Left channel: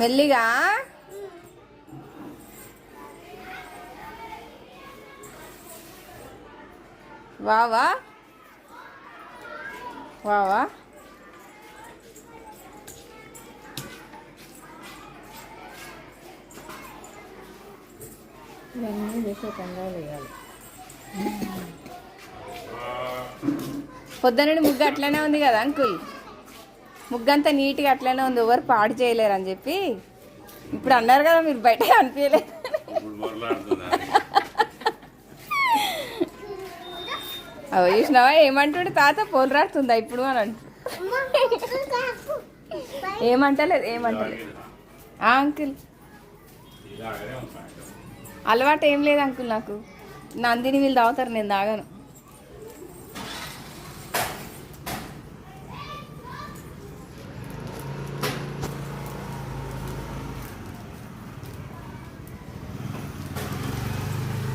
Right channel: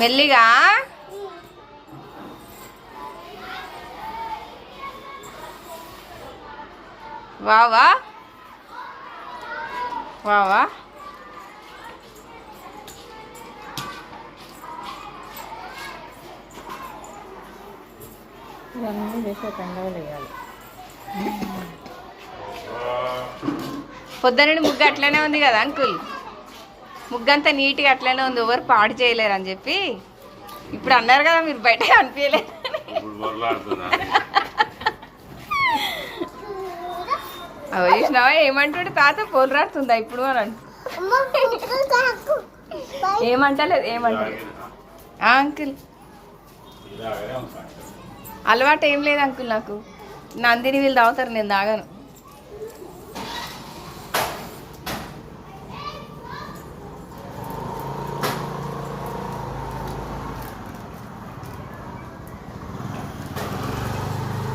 మెల్లిగా. వావా వావా. ఇవన్నీ చేసే కంగాలు వేయాలి. పొద్దునండి ముగ్గు అట్లనే ఉంది కదా అంకుల్, ముగ్గంతా నీట్గా అట్లనే ఉంది, ఎవరు పాడు చేయలేరు అని చెప్పి ఇప్పుడు అన్నారు కదా మీరు, బయట అనిపించలేదు. అవి చూసినావా ఏమంటాడు తాత, పోలు రాడుతుందా ఇప్పుడు అని అంటు. ఏమంటలేదు ఏమంటలేదు అంకుల్, అలవాటు ఏం లేదు అంకుల్ నాకు. నందిని వీళ్ళు తాగుతారు, నేను తాగాను.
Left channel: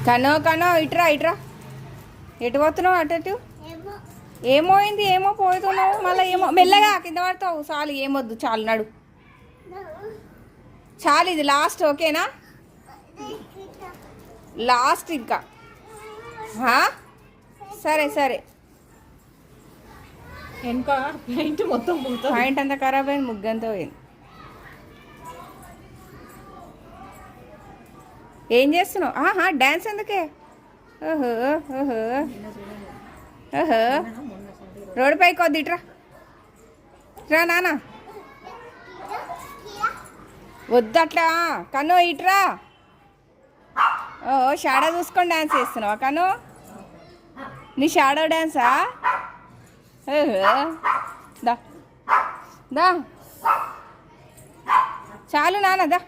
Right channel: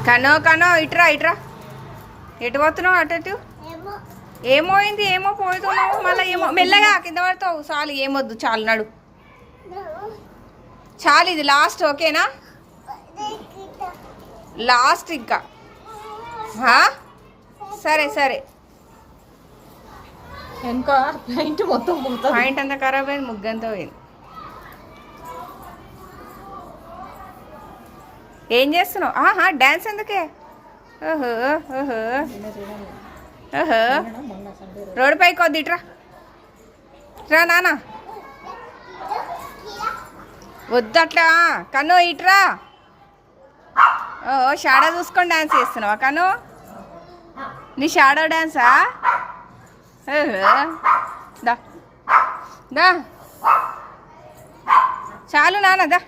కనో కనో ఇట్రా ఇట్రా. ఎటు పోతున్నావు? అటు ఏమో అయింది, ఏమో పోతున్నావు మళ్ళీ, ఏమో మెల్లగా కింద పడతావు. చాలు ఏమొద్దు, చాలు నడు చాలు, ఇది లాస్ట్ ఓకేనా? లాస్ట్ ఇంకా. సరే సరే. ఇంకా పెయింట్ మొత్తం పాయింట్ అంతా ఖరాబ్ అయింది, ముగ్గంతా పోయింది. ఏం చేస్తున్నావు? డ్యాన్స్ ఎందుకే? ఓహో ఓహో ఓహో. రోడ్డు పైకి వద్దు, ఇట్రా రా నాన్న. వద్దు అట్లా కను, ఇట్రా. ఓ షాడో చూసుకొని డ్యాన్స్ చేస్తున్నావా కను? నీ షాడో డ్యాన్సా? ఓహో దా దా, చాలు నాన్న దా.